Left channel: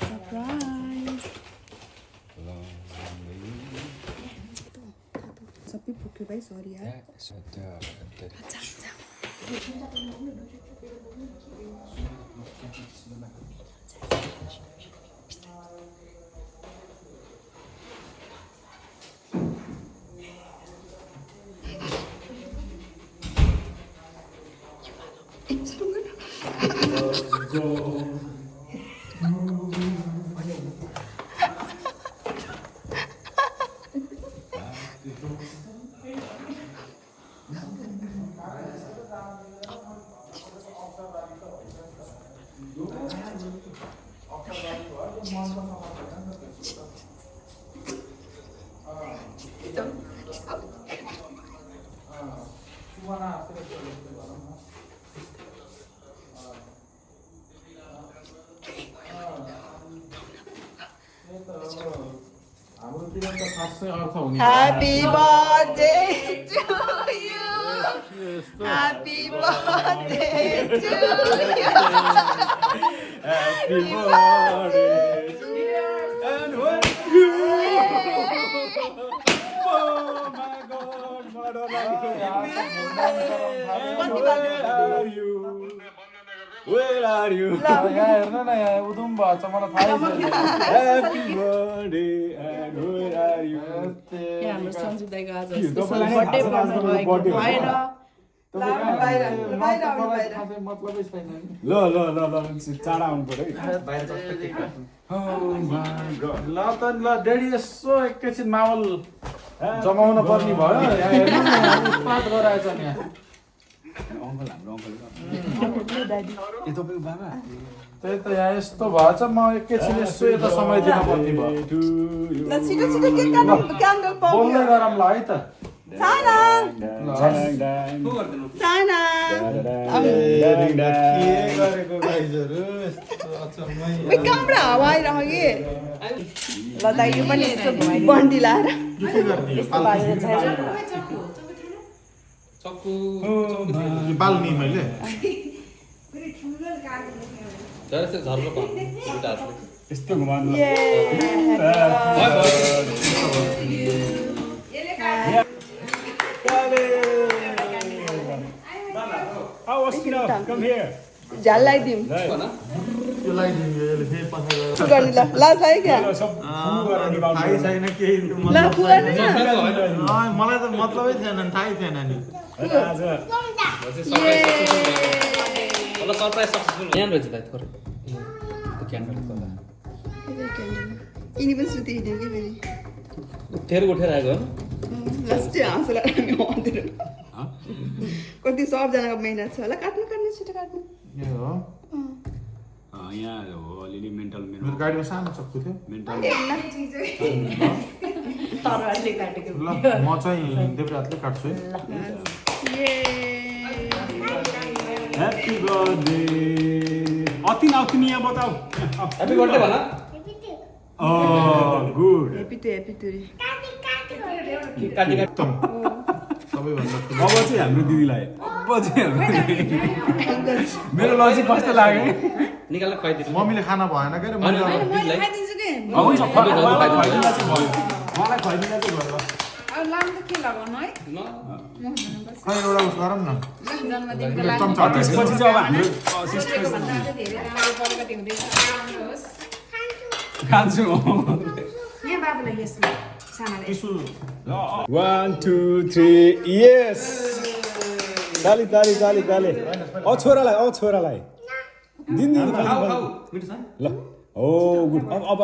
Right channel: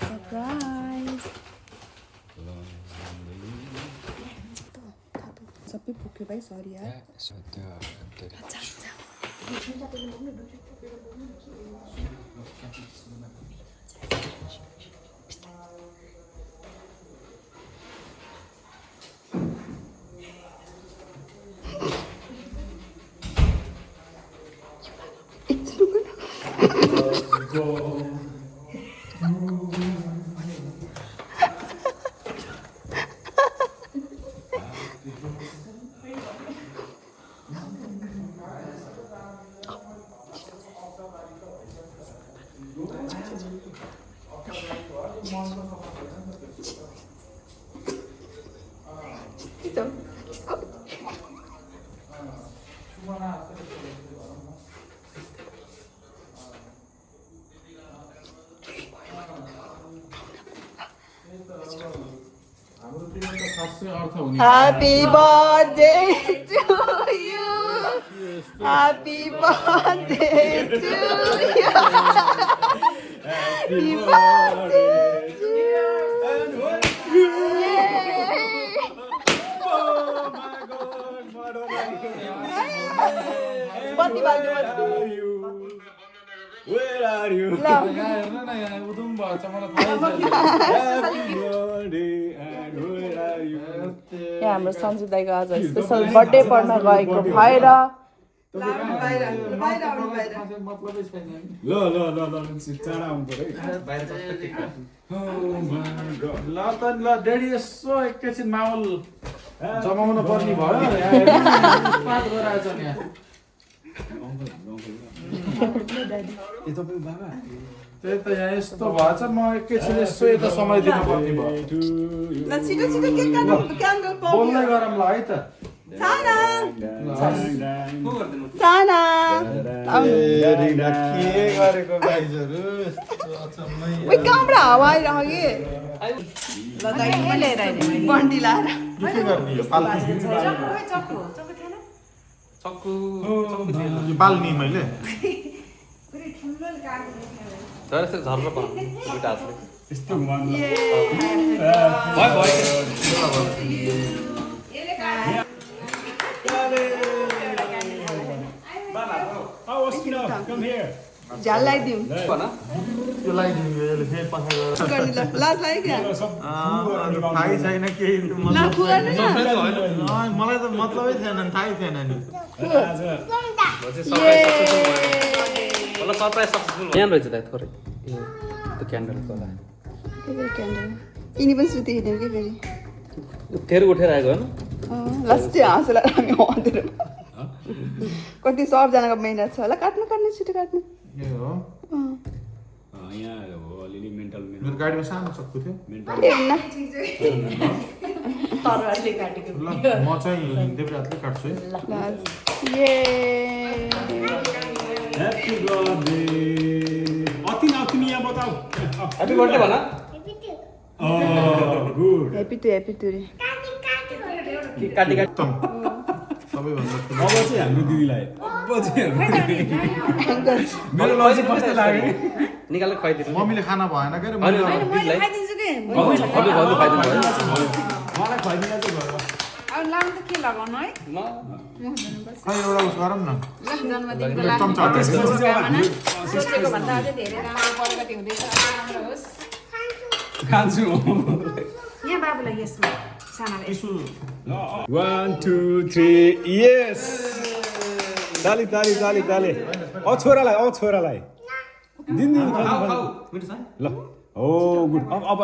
Surprise. सबै पुग्यो भाइ सरी यार Happy birthday to you. Happy birthday to you. Happy birthday to you. And when you oh my God, Madonna, where are you? यार ना यार उदुम बात हमारा था ही Happy birthday and where are you? यहाँ हाम्रो सञ्जु दाइको आज स्पेशल बर्थडे पर्न गएको भएर मतलबै छैन ल चाँडा आउनु पर्यो बाहिर ल त ल डेडी यसो एकैछिन माहौल जमाउन पर्ने भयो उत्पात गराएछ नि यहाँ अङ्कल हाम्रो अङ्कल दादी ए तपाईको बाबा त्यही त यहाँ यस्तो भएछ म एकैछिन यसो यता समय दिन पर्ने भयो ल छिटो छिटो केक काट्नु क्यान्डल पाउँछ बोल्दै गरौँ ल है त साना साना के गरेको गाइजहरु यस्तो अचम्मै ओइ कहाँबाट हावा आइरह्यो कि ल दाइ पनि बन्डी लाएर के गर्ने यो पाल्नु चक्कु यो पाल्नी मैले पुरै ठुलो काट्नु तर यस्तो झर्लो पाल्नु दुईटा हातले यस्तो घुमाउनु ल झ्याल लगाइदिउँ त्यो लगाइदिउँ यसले फेरि पछि गएर लाज लाग्यो क्या थाहै छैन केही मलाई त मतलबै थिएन नि थाहै थिएन नि यिनी पनि सुति हिँड्यो कि फेरि उठेर आएको लास्टै हाँसेर कति सबजनाको मेहनत छ होला काट्नु छिटो काट्नु यहाँ हो अलिअलि मेन्टल मेरो गाडीमा सानो चक्कु थियो ल म चाहिँ देब्रे हातले काट्छु है ह्याप्पी बर्थडे अति नौतिमी यहाँ बताऊ ह्याप्पी बर्थडे भन गुड ह्याप्पी टु काटी सबैभन्दा अब चाहिँ हाम्रो दिदीलाई मेरो लजिक कस्तो लाग्यो निकालेर खुवाइदिनु मम्मीले खाना भएन के मैले खुवाइदिन्छु के हुन्छ मलाई खुवाइदिनु चाहिँ भयो अब लाम त के लगाउनु है खै एउटा उस गरौँ न जन्मदिनको लागि चम्चा त्यसपछि चाहिँ अब हामी सिस्टरको भन्दा अझै धेरै राम्रो परिपाटी हुँदैछ राम्रो होस् खान्छु यहाँ बाबुलाई यसमा सानाले 1 2 3 यस ताली छोरालाई दिन ल ओ गुड अब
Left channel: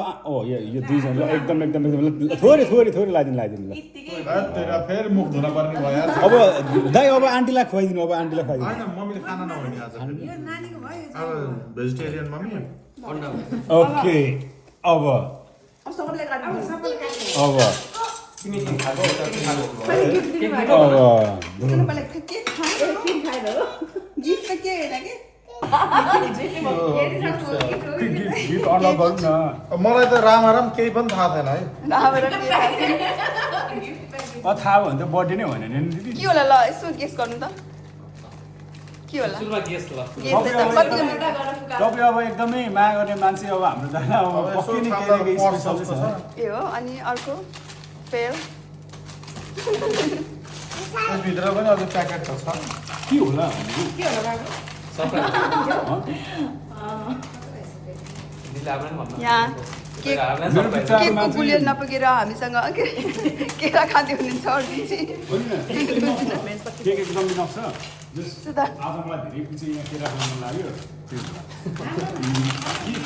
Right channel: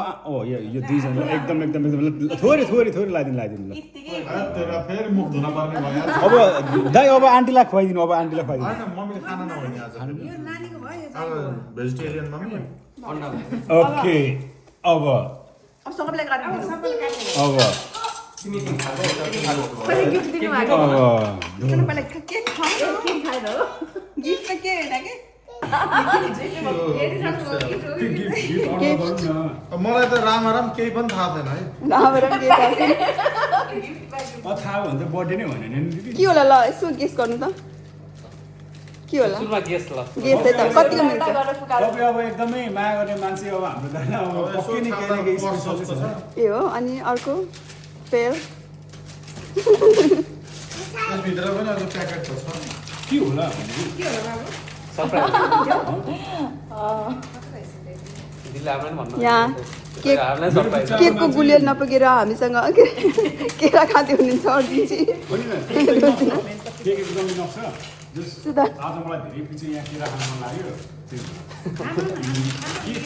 यो दुईजना एकदम थोरै लाइदिनु ल तेरा फेरि मुख धुन पर्ने भयो अब दाइ अब आन्टीलाई खुवाइदिनु हैन मम्मीले खाना नभइनी आज यो नानीको भयो अब भेजिटेरियन मम्मी ओके अब सबैलाई काट्नु अब तिमी खागो गिफ्ट के मलाई त राम केही पनि थाहा छैन है थाहा भयो भने त बर्थडे नै होइन नि दिदी के होला ल यसो गेस गर्नु त के होला सुरुमा गेस ल तपाईँ अब एकदमै माया गर्ने मान्छे अब हाम्रो दाना अब पक्कै नि केही न केही स्पेसल छ ए हो अनि अर्को पेयर यसभित्र पनि अझै प्याकेट त छ के होला के होला बाबु सबै यहाँ केक मेरो विचारमा केकको गुलियो नपुगेर हामीसँग केरा खाँदै हुनुहुन्छ अर्जुनजी होइन केक एकदम इनफ छ आज मलाई धेरै पछि यहाँ केरा खान मन लाग्यो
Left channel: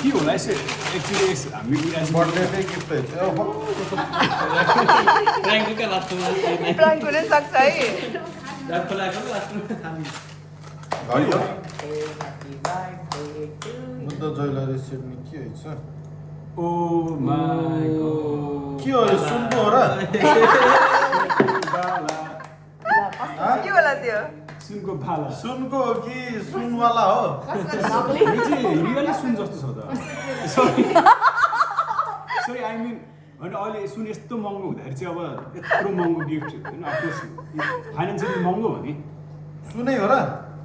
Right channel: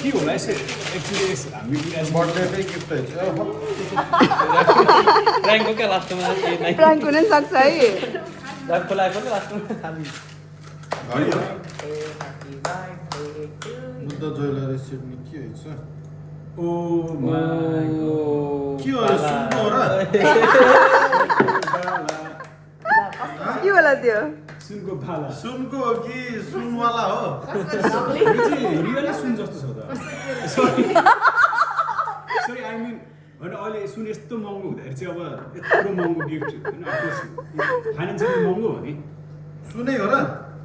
के होला यसो एक्चुली हामी बर्थडे गिफ्ट र्याङ्कको क्या लास्टमा प्राङ्क हुन सक्छ है र्याङ्कको लागेको लास्टमा खाली घडी हो बुद्ध ज्वेलरी सिडनी के हुन्छ ओ माय के हो यो सुनको हो र के होला त्यो सुनको भाला सुनको हो कि सुनवाला हो यो चाहिँ रियली सुन जस्तो छ त सरी आई मिन होइन अहिले सुन यस्तो महँगो हुँदाखेरि चाहिँ अब यत्रो महँगो गिफ्ट होइन अफकोर्स फाइनेन्सियली महँगो हो नि सुनै हो र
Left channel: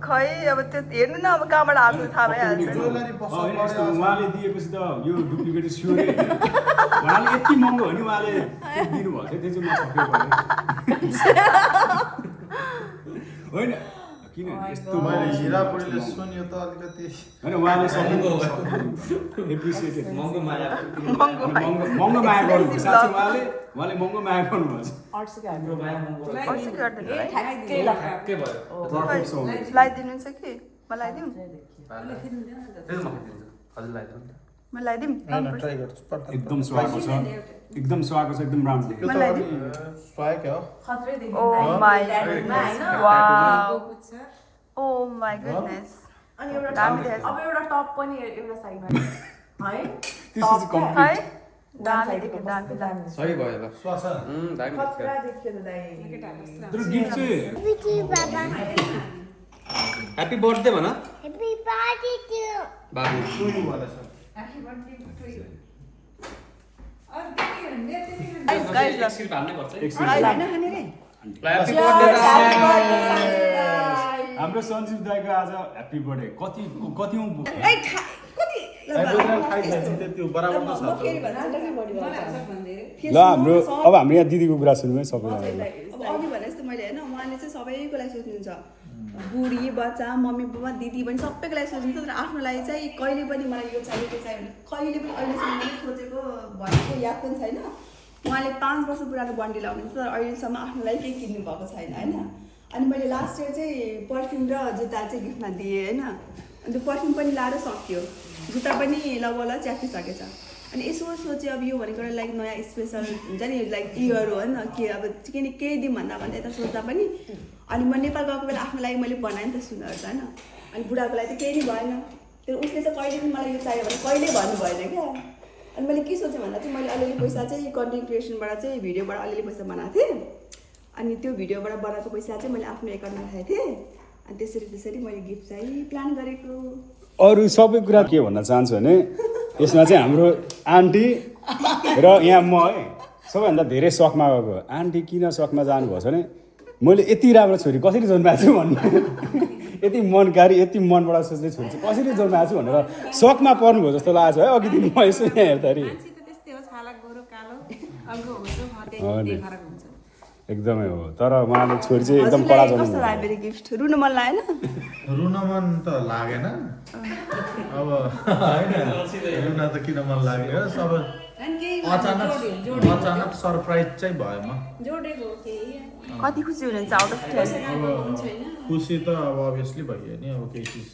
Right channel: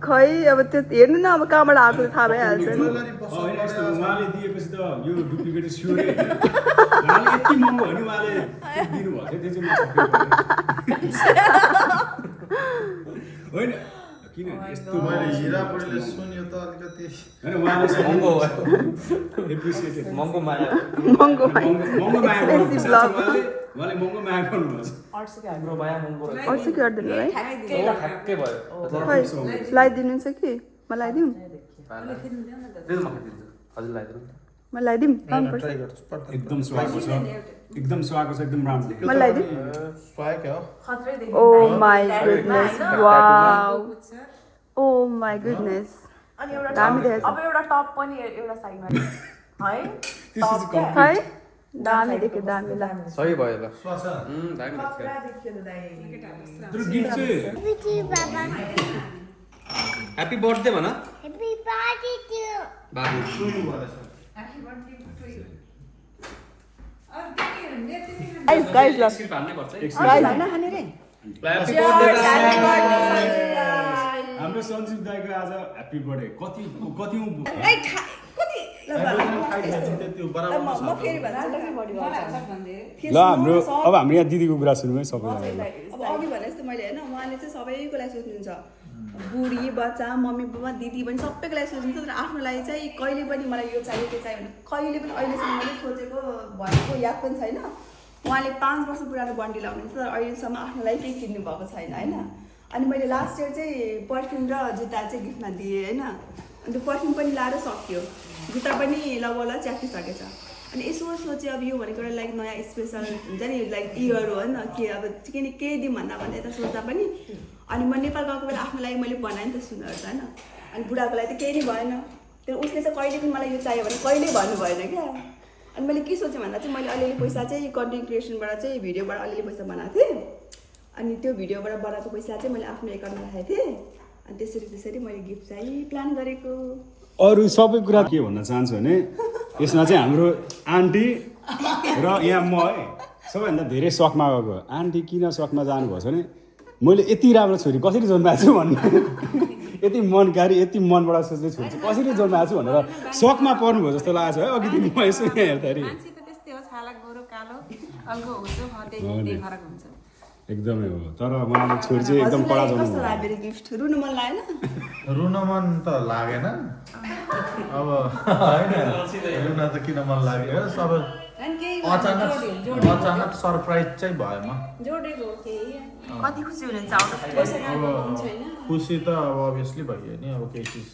खै अब त्यो हेर्नु न अब कहाँबाट आएको थाहा भइहाल्छ ज्वेलरी पसल होइन, यस्तो उहाँले दिएपछि त यो डुप्लिकेट स्योरै उहाँले यति महँगो हो नि उहाँले दिनुभएको थियो त्यो चाहिँ म सक्यो होइन किनभने यस्तो मैले हिरापुरीले सुन्यो त अलिकति होइन उहाँले महँगो हो। एप्रिसिएटेड महँगो माया महँगो माया गर्नुभयो साँच्चै उहाँले महँगो माया गर्नुभएको छ हाम्रो माया महँगो अर्सी गरिदिनु है ठ्याक्कै भयो लगाइदिनुहुन्छ कि म लगाइदिउँ म लगाइदिउँ ट्राई गर्छु एकदम सुहाएको छ एकदम सुहाएको छ एकदम राम्रो म लगाइदिउँ स्वाग हो oh my goodness oh my goodness अनि एउटा दामी टप देखेछ। अब एउटा टप पनि एउटा साइडमा है This is टप complete. है दामी देख्यो दामी दामी सही भयो ल स्वास दामी खतरा देखियो त दाइ तर गिफ्ट चाहिँ ह्याप्पी बर्थडे भन Happy birthday to बाबु सुन्नु भएछ गाइस गाइस ल एकछिन भान्नै पर्छ है गाइस हैन खाने रे ह्याप्पी बर्थडे हाम्रो सञ्जीव दाइको आज ह्याप्पी बर्थडे कति त्यो बराबर म फेरि भन्छु ल हाम्रो अब हाम्रो यहाँ दिदीको कुरा सुनौँ है सबैजना अब अघि भने जस्तो मैले होइन उहाँले चाहिँ सबैको लागि सोच्नुहुन्छ बुढी बच्चा मम्मी बाबा दिदी पनि सबैको लागि सोच्नुहुन्छ तर आफ्नो लागि चाहिँ कहिले पनि मलाई यो चाहियो त्यो चाहियो भने कहिले पनि अहिलेसम्म मैले सोचेको भनेको याद पनि छैन उहाँले 5 वर्ष पुरानो बन्डी लाउनुहुन्छ तर अहिलेसम्म आफ्नो लागि केही किन्नु भएको छैन होइन अनि मैले लास्ट इयर चाहिँ पर्फ्युम र जुत्ता चाहिँ गिफ्टमा दिएँ होइन अनि त्यो पर्फ्युम पनि लाएर सक्यो जुत्ता पनि लगभग च्यातिसकेछ अनि यसो सोचेँ अब यो भनेको एउटा लाइक नयाँ स्पेसल हुन्छ नि लाइक इयर हो होइन के अब किन केही दिउँ भन्दा यता सोच्दा पनि अनि म नेपाल गएको बेला आफ्नो लागि मैले बनाएँ नि त सुनहरू होइन अनि बुढाको लागि त केही नै भएन त्यो उसले चाहिँ कहिले पनि मलाई यो चाहियो भने कहिले भन्नु भएन क्या अनि मैले के सोचेँ भन्दा चाहिँ मैले अलिअलि पैसा चाहिँ कन्टेन्ट क्रिएसनबाट चाहिँ भिडियोबाट अलिअलि पैसा बनाएको थिएँ अनि त्यो भिडियोबाट बनाएको पैसा चाहिँ मैले आफ्नो एकाउन्टमा राखेको थिएँ अनि त्यसरी मैले गिफ्ट चाहिँ प्लान गरेको अरू सबै कुरा के भन्न चाहन्छु भने यसमा चाहिँ हाम्रो आन्टी र यहाँ म है सबैभन्दा धेरै सकमा गएको आन्टी किन सकमा जानुभएछ भने मैले यति राम्रो छोरी कसरी जन्माएको छु भन्ने यति मनकारी यति मनबाट सोच्ने छोरी चाहिँ कसरी जन्माएको छु भनेर सकमा पर्नुभयो जस्तो लागेको छ है अघि दिन म यसो यहाँ हेर्दाखेरि मान्छे त त्यस्तै हो छाला गोरो कालो अल्गो हुन्छ त्यही फरक हुन्छ एकदमै हो तर उहाँले छोरी चाहिँ एकदम कडा कस्तो जन्माउनु लाग्यो मेरो गिफ्ट रुनु मन लागेन रुन मन त लागेन अब होइन रुन त किन मन लाग्यो सब अचानक सरप्राइज चाहिँ भयो म जोडेको केही कति खुसी हुनुहुन्छ आउट अफ 10 अब खुसी त अब अभियसली भयो नि अब केही चिज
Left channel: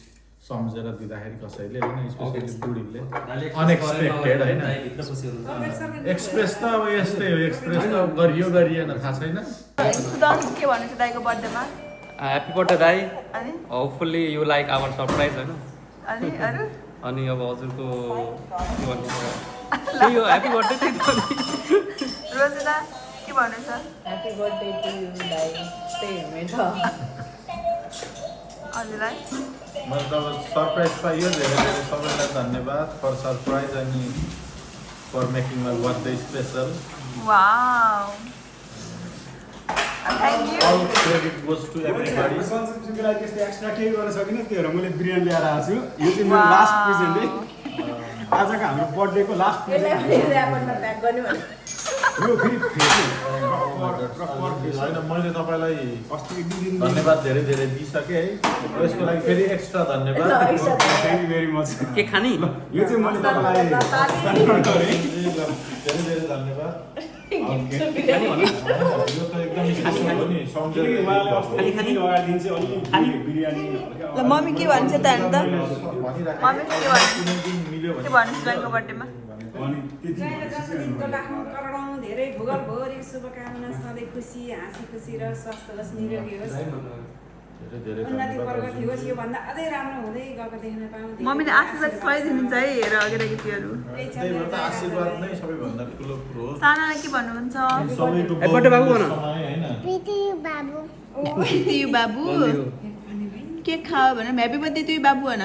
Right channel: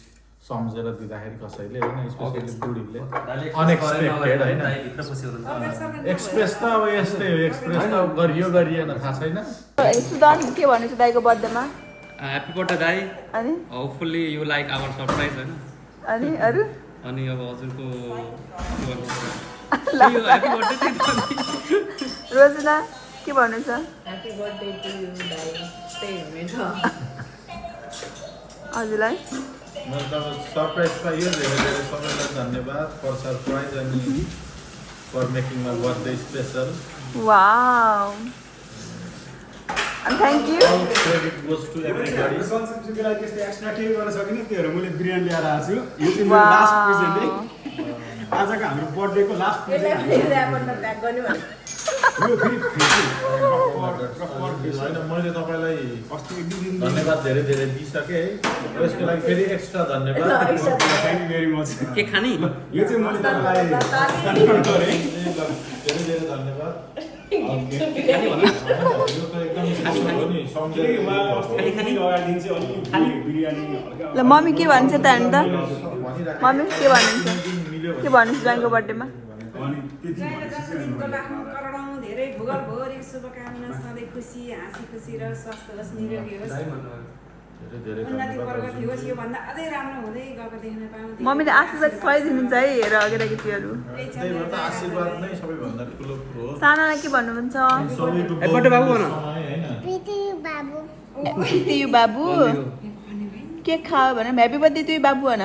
सम्झेर दिँदाखेरि कसैले होइन स्पेसली बुढीले अनएक्सपेक्टेड होइन एक्सप्रेस त अब यस्तै हो एक्सप्रेस त अब गरिएन थाहा छैन के भन्नु छ दाइको बर्थडेमा ह्याप्पी बर्थडे दाइ अनि hopefully you like our surprise होइन अनि अरू अनि अब हजुरको के भन्नु त्यही हो ह्याप्पी बर्थडे त्यही त नि। रोजना के भन्नु छ ह्याप्पी बर्थडे टु यु दाइ त्यही हुनेछ हजुरलाई मैले त अब सरप्राइज पाइयो धेरै धेरै सबैलाई धन्यवाद फर सरप्राइज अनि for making my birthday special wow thank you All credit goes to everybody. सन्चुको लागि त्यस्तो एक्स्ट्रा केही गर्न सकिनँ त्यही भएर मैले बिरयानी ल्याएर आएको छु यो चाहिँ मेरो लास्ट प्रेजेन्ट है आजको हाम्रो बर्थडेको लास्ट प्रेजेन्ट यो फेरि होइन मैले तपाईँलाई धन्यवाद धेरै धेरै दिइसकेँ है र यसको लागि फेरि एक्स्ट्रा धन्यवाद थ्याङ्क यू भेरी मच के खाने यो चाहिँ मैले तपाईँलाई कन्फर्म गरेँ धेरै धेरै धन्यवाद यो त एकदम स्पेसल हो नि बिरयानी ल मम्मी के भन्छ त अन्त मम्मी के भन्नु ज्वाइँको बर्थडेमा करोडौँ धेरै भूगोलभरि शुभकामना सधैँ खुसी हाँसी खुसी र स्वस्थ होस् निरोगी होस् धेरै धेरै उन्नति प्रगति होस् योभन्दा अझै राम्रो हुँदै गएको देख्न पाऊँ मम्मीले आशीर्वाद खुवाइदिनुहुन्छ है हेर केटाकेटीहरू त्यही भएर त आशीर्वाद नै सबैभन्दा ठुलो कुरो हो सानालाई के भन्नुहुन्छ सबैको बर्थडे बाबु भन समय हैन त्यही बाबु के खाऊ भन ह्याप्पी बर्थडे तुई बाबु भन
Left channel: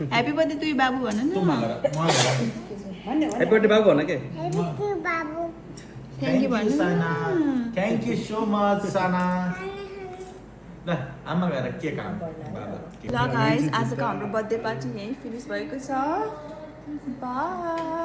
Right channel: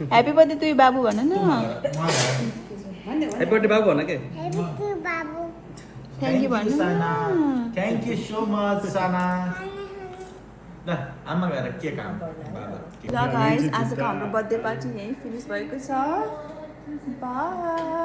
ह्याप्पी बर्थडे तुई बाबु भन न ह्याप्पी बर्थडे बाबु भन के थ्याङ्क यू भन्नु थ्याङ्क यू सो मच साना ल आमा गएर के काम ल गाइस आजको हाम्रो बर्थडे पार्टी यहीँ फिनिस भएको छ बाई